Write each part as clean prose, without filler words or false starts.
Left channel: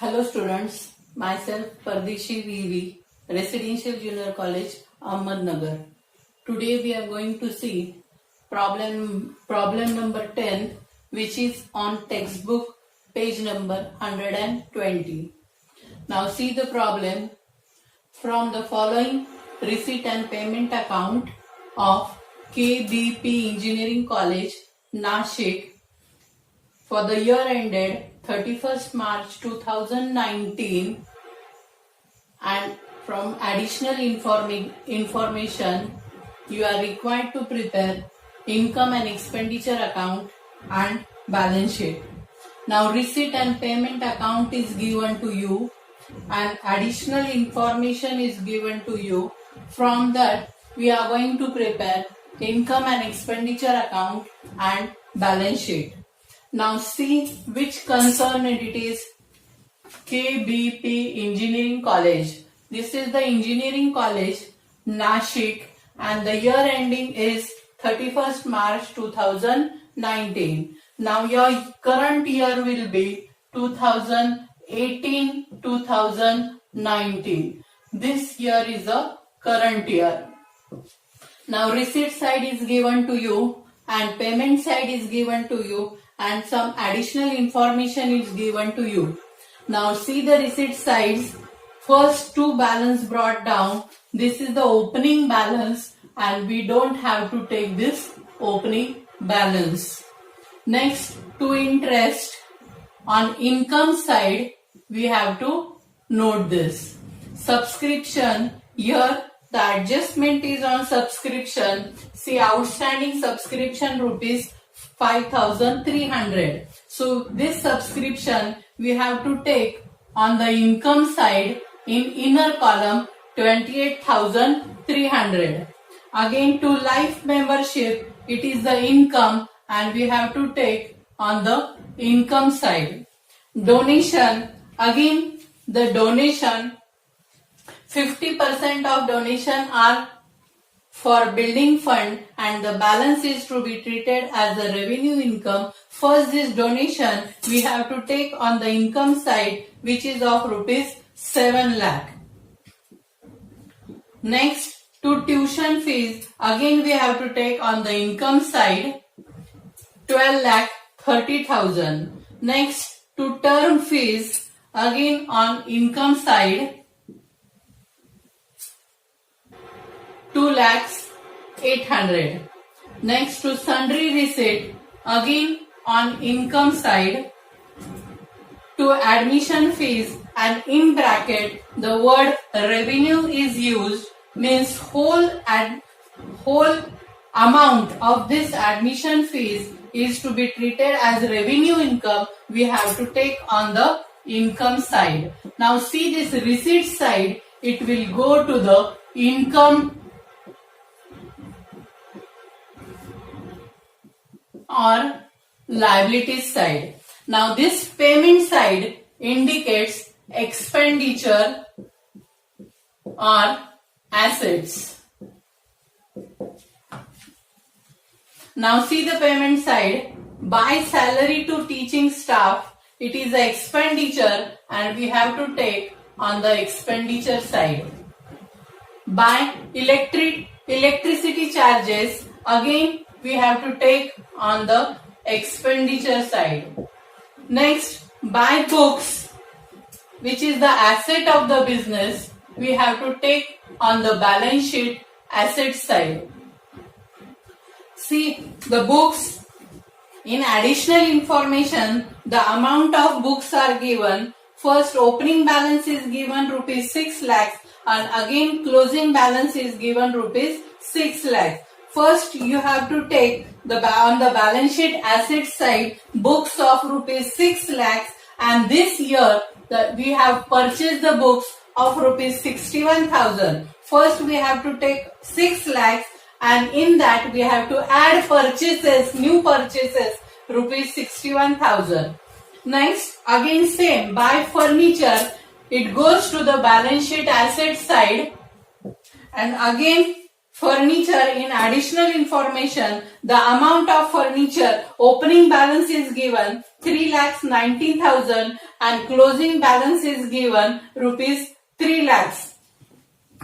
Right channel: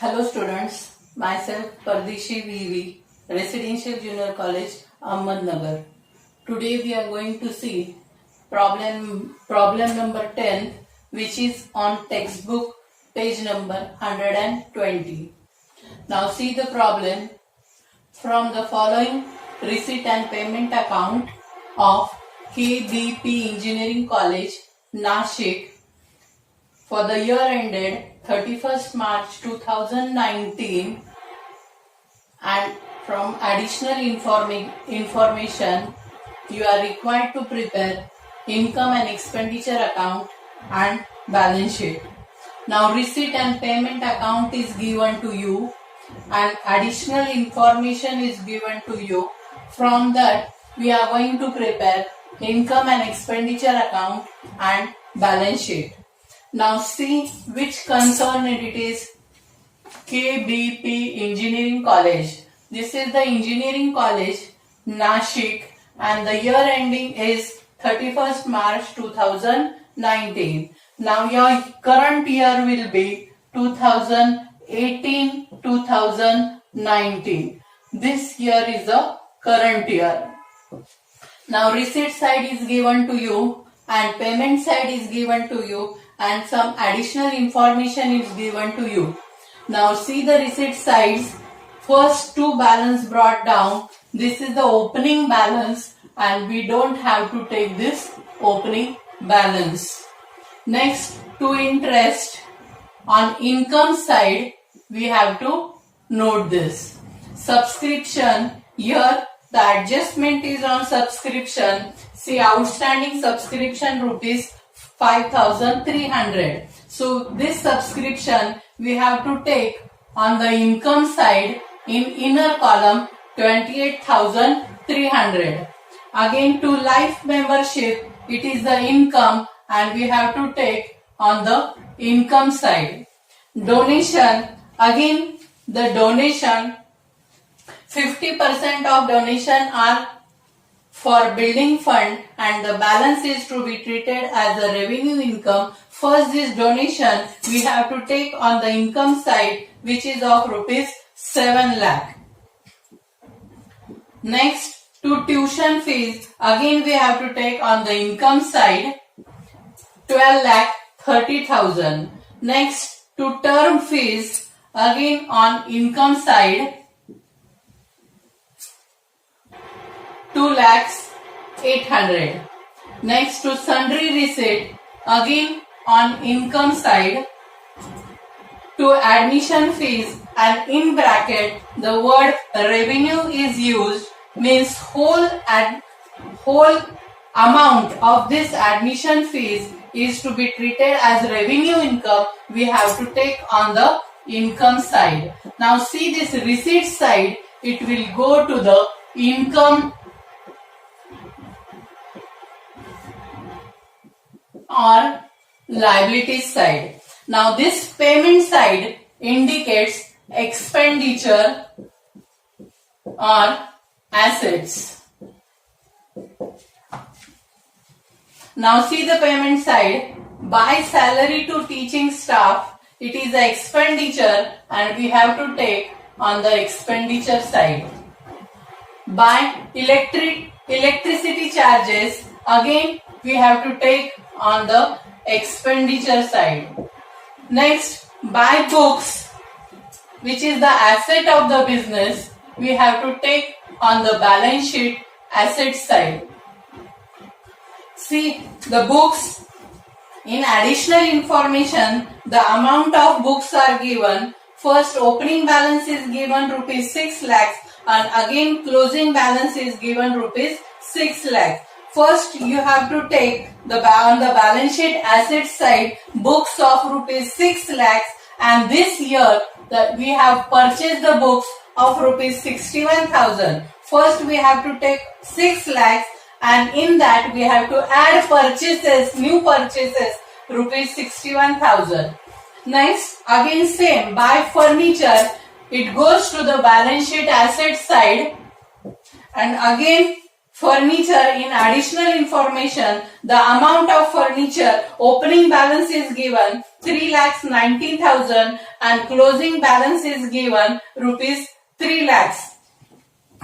Hello students, myself Pardishi VV, Residential Junior College, Ahmednagar. Today we are going to see problem number 10, which is on textbook page number 120. Now see the problem. From the following receipt and payment account of KBP Engineering College, Nashik, for the year ended 31st March 2019, and from additional information you are required to prepare income and expenditure account and balance sheet. Now receipt and payment account is given to you and additional information is given to you. From that we are going to prepare income and expenditure account and balance sheet. Now see which concerned it is. KBP Engineering College. This is the engineering college, Nashik, and the year ending is 31st March 2019. Now your current year will be 2018-2019. This year is the current year. Now receipt side is given to you and payment side is given to you, and some additional information is given to you. Now see the receipt sides. First two balance brought down. This is the opening balance and we don't have to take this opening balance. Next, to interest. On income side we have to note this. Subscription, here the adjustment is on subscription. See, outstanding subscription rupees 5,300. So this subscription we have to take on the income side in inner column 28,300. Again, to life membership, it is the income and we have to take on the income side. Donation, again the donation, 50% of donation are for building fund and the balance is to be treated as a revenue income. First, this donation we have to take on the income side, which is of rupees 7 lakh. Next, to tuition fees, again we have to take on the income side 12 lakh 30,000. Next, to term fees, again on income side 2 lakhs 800. Next, to sundry receipt, again on income side. To admission fees, and in bracket the word revenue is used, means whole amount of this admission fees is to be treated as revenue income. We have to take on the income side. Now see this receipt side, it will go to the income or liabilities side. Now this payment side indicates expenditure or assets. Now see the payment side. By salary to teaching staff, it is the expenditure and we have to take on the expenditure side. By electricity charges, again we have to take on the expenditure side. Next, by books, which is the asset of the business, we have to take on the balance sheet asset side. See the books, in additional information the amount of books are given. First, opening balance is given rupees 6 lakhs and again closing balance is given rupees 6 lakhs. First, you have to take on the balance sheet asset side books of rupees 6 lakhs, and this year we have purchased the books of rupees 61,000. First, we have to take 6 lakhs and in that we have to add purchases, new purchases, rupees 61,000. Next, again same, by furniture, it goes to the balance sheet asset side, and again furniture, in additional information the amount of furniture, opening balance is given 3,19,000 and closing balance is given rupees 3 lakhs.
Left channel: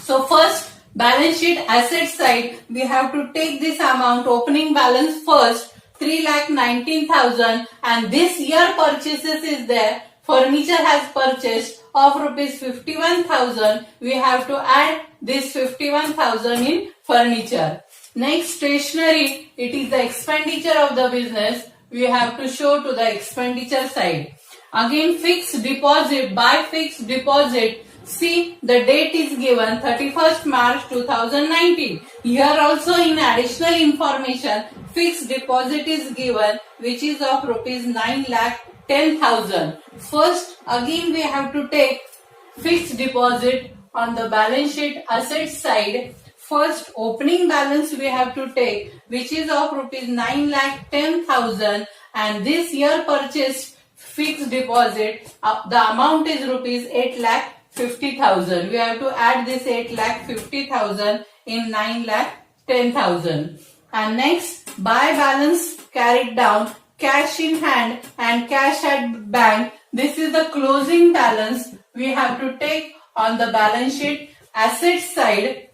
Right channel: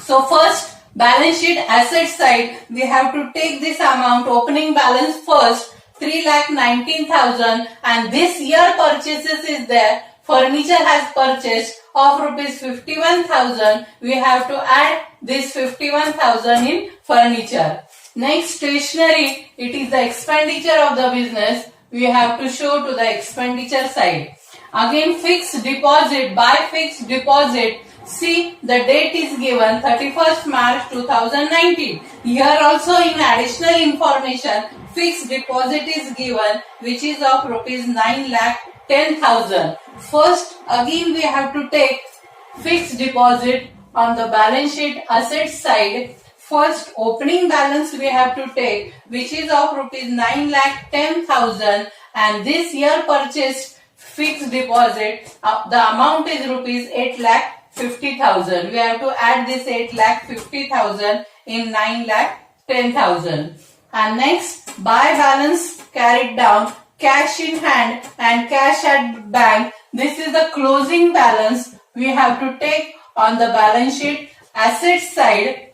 So first balance sheet asset side we have to take this amount opening balance first 3,19,000 and this year purchases is there. Furniture has purchased of rupees 51,000. We have to add this 51,000 in furniture. Next stationery, it is the expenditure of the business. We have to show to the expenditure side. Again fixed deposit, by fixed deposit, see the date is given 31st March 2019. Here also in additional information fixed deposit is given which is of rupees 9,10,000. First again we have to take fixed deposit on the balance sheet asset side. First opening balance we have to take which is of rupees 9,10,000 and this year purchased fixed deposit the amount is rupees 8,50,000. We have to add this 8,50,000 in 9,10,000. And next buy balance carried down cash in hand and cash at bank. This is the closing balance we have to take on the balance sheet asset side.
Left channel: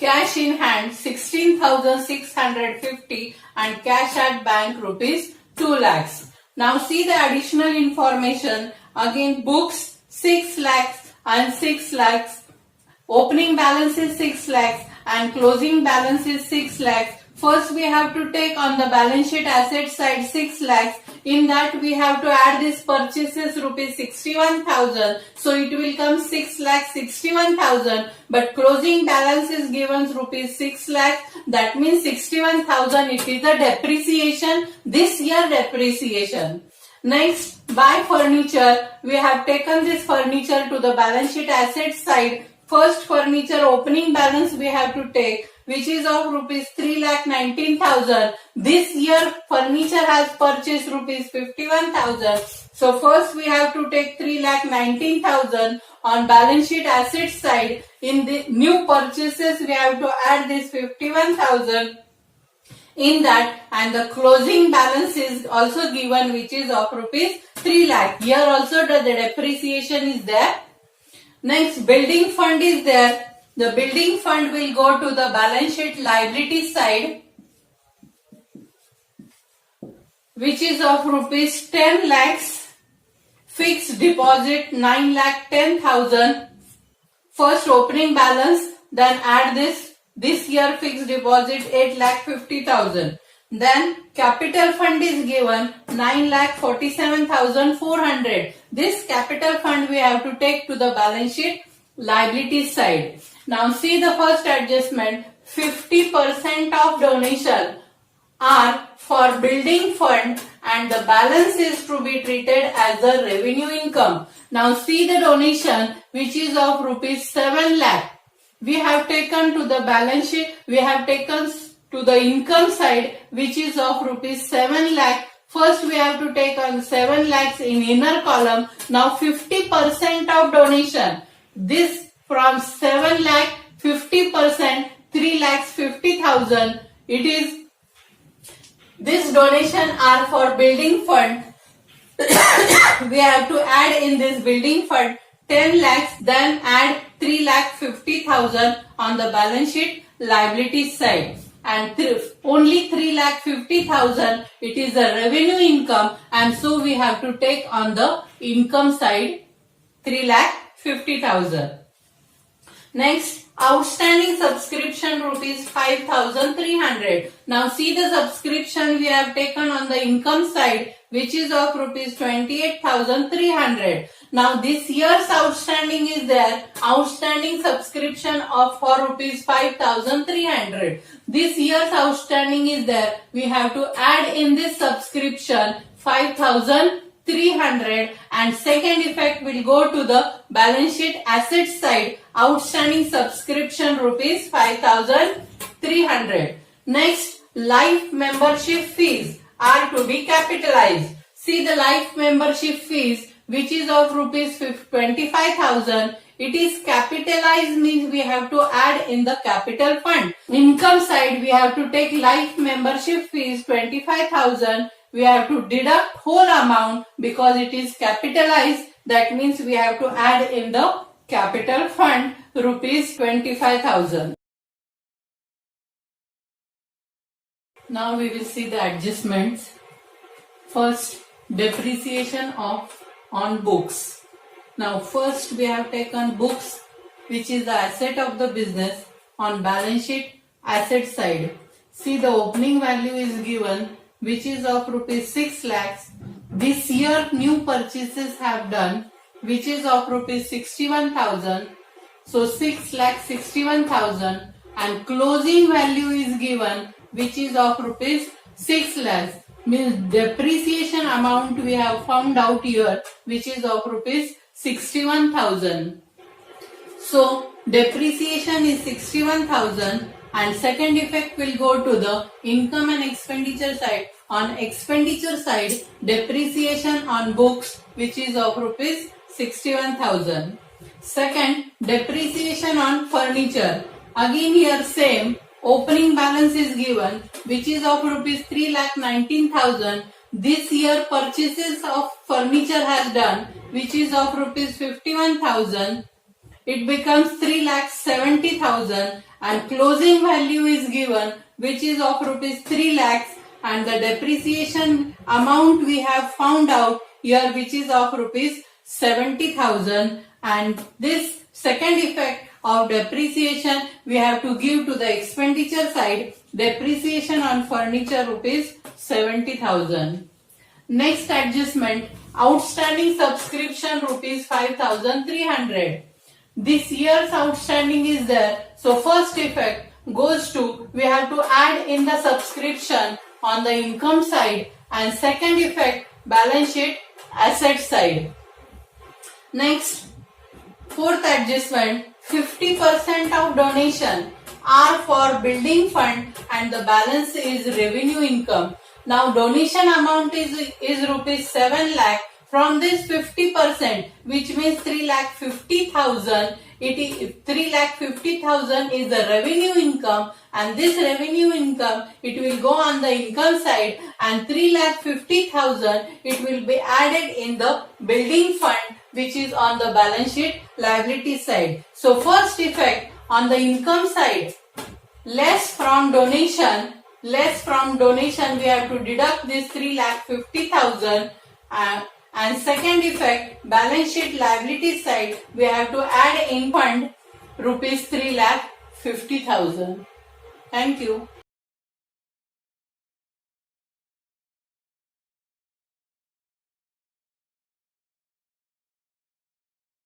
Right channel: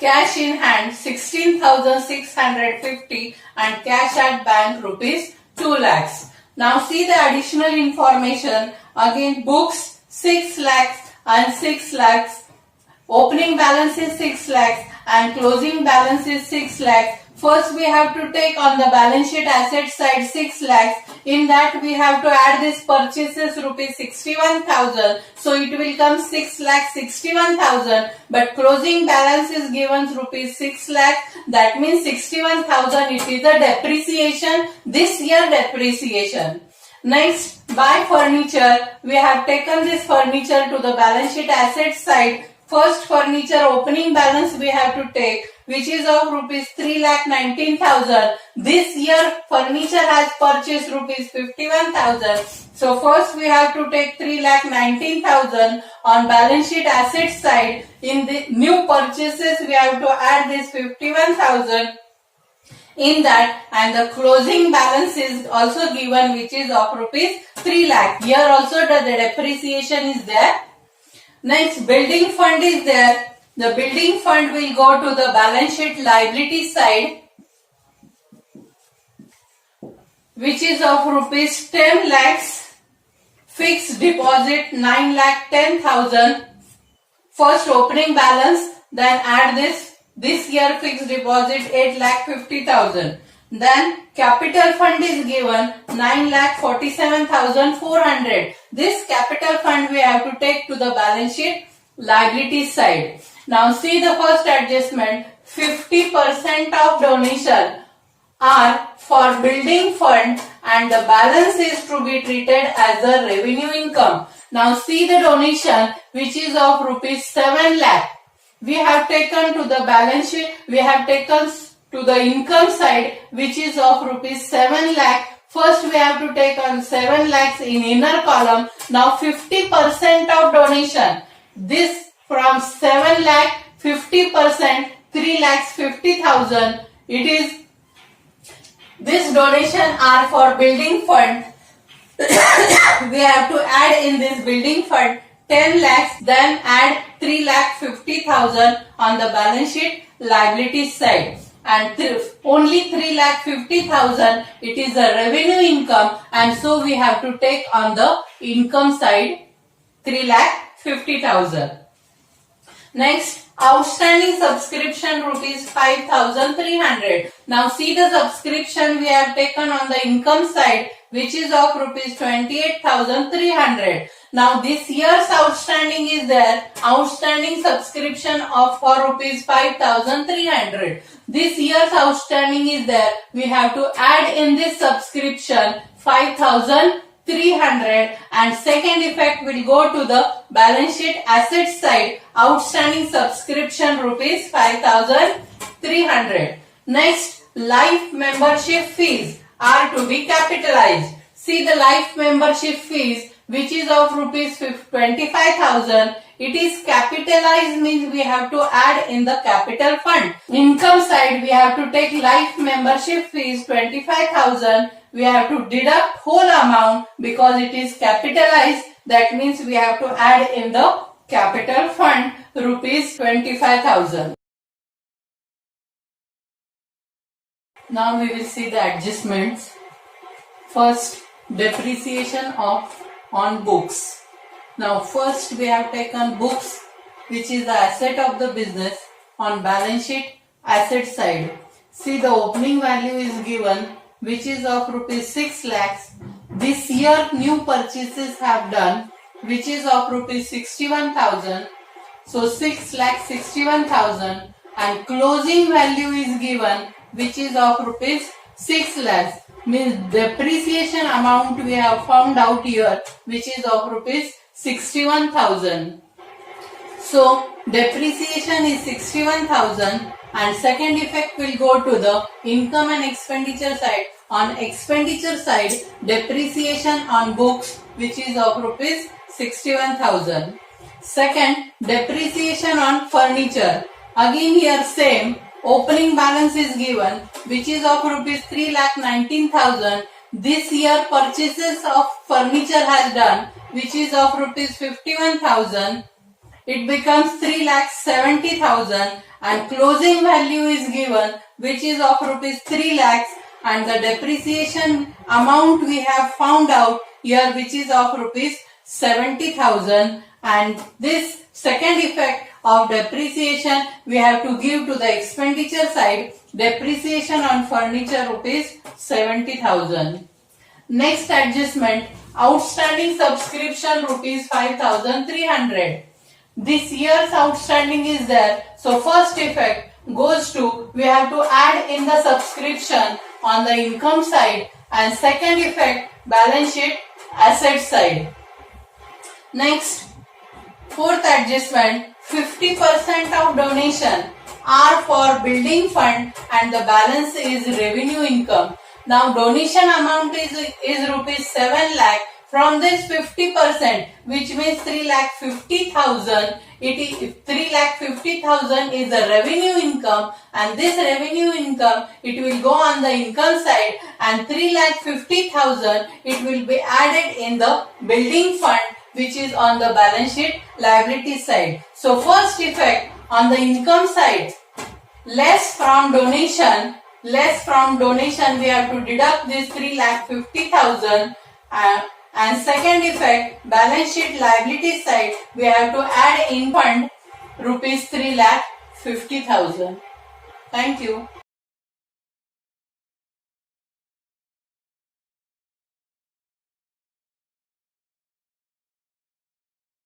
Cash in hand 16,650 and cash at bank rupees 2 lakhs. Now see the additional information. Again books 6 lakhs and 6 lakhs. Opening balance is 6 lakhs and closing balance is 6 lakhs. First we have to take on the balance sheet asset side 6 lakhs. In that we have to add this purchases rupees 61,000. So it will come 6,61,000. But closing balance is given rupees 6 lakhs. That means 61,000 it is the depreciation. This year depreciation. Next buy furniture. We have taken this furniture to the balance sheet asset side. First furniture opening balance we have to take which is of rupees 3,19,000. This year furniture has purchased rupees 51,000. So first we have to take 3,19,000 on balance sheet asset side. In the new purchases we have to add this 51,000 in that and the closing balance is also given which is of rupees 3 lakh. Here also the depreciation is there. Next building fund is there. The building fund will go to the balance sheet liability side which is of rupees 10 lakhs. Fixed deposit 9,10,000. First opening balance then add this year fixed deposit 8,50,000. Then capital fund is given 9,47,400. This capital fund we have to take to the balance sheet liability side. Now see the first adjustment. 50% of donation are for building fund and the balance is to be treated as a revenue income. Now see the donation which is of rupees 7 lakh. We have taken to the balance sheet, we have taken to the income side which is of rupees 7 lakh. First we have to take on 7 lakhs in inner column. Now 50% of donation. This from 7 lakh 50% 3,50,000. It is this donation are for building fund. We have to add in this building fund 10 lakhs then add 3,50,000 on the balance sheet liability side. And only 3,50,000 it is a revenue income and so we have to take on the income side 3,50,000. Next outstanding subscription rupees 5,300. Now see the subscription we have taken on the income side which is of rupees 28,300. Now this year's outstanding is there. Outstanding subscription of for rupees 5,300. This year's outstanding is there. We have to add in this subscription 5,300 and second effect will go to the balance sheet asset side. Outstanding subscription rupees 5,300. Next life membership fees are to be capitalized. See the life membership fees which is of rupees 25,000. It is capitalized means we have to add in the capital fund. Income side we have to take life membership fees 25,000 we have to deduct whole amount because it is capitalized. That means we have to add in the capital fund rupees 25,000. Now we will see the adjustments. First, depreciation on books. Now first we have taken books, which is the asset of the business, on balance sheet asset side. See, the opening value is given, which is of rupees 6 lakhs. This year new purchases have done, which is of rupees 61,000. So 6 lakh 61,000, and closing value is given, which is of rupees 6 lakhs. Means depreciation amount we have found out here, which is of rupees 61,000. So depreciation is 61,000, and second effect will go to the income and expenditure side. On expenditure side, depreciation on books, which is of rupees 61,000. Second, depreciation on furniture. Again here same, opening balance is given, which is of rupees 3,19,000. This year purchases of furniture has done, which is of rupees 51,000. It becomes 3,70,000, and closing value is given, which is of rupees 3 lakhs, and the depreciation amount we have found out here, which is of rupees 70,000. And this second effect of depreciation we have to give to the expenditure side. Depreciation on furniture rupees 70,000. Next adjustment, outstanding subscription rupees 5,300. This year's outstanding is there. So first effect goes to, we have to add in the subscription on the income side, and second effect balance sheet asset side. Next, fourth adjustment, 50% of donation are for building fund and the balance is revenue income. Now donation amount is rupees 7 lakh. From this 50%, which means 3,50,000, it is 3,50,000 is the revenue income, and this revenue income it will go on the income side, and 3,50,000 it will be added in the building fund, which is on the balance sheet liability side. So first effect on the income side, less from donation, we have to deduct this 3,50,000, and second effect, balance sheet liability side, we have to add in fund rupees 3,50,000. Thank you.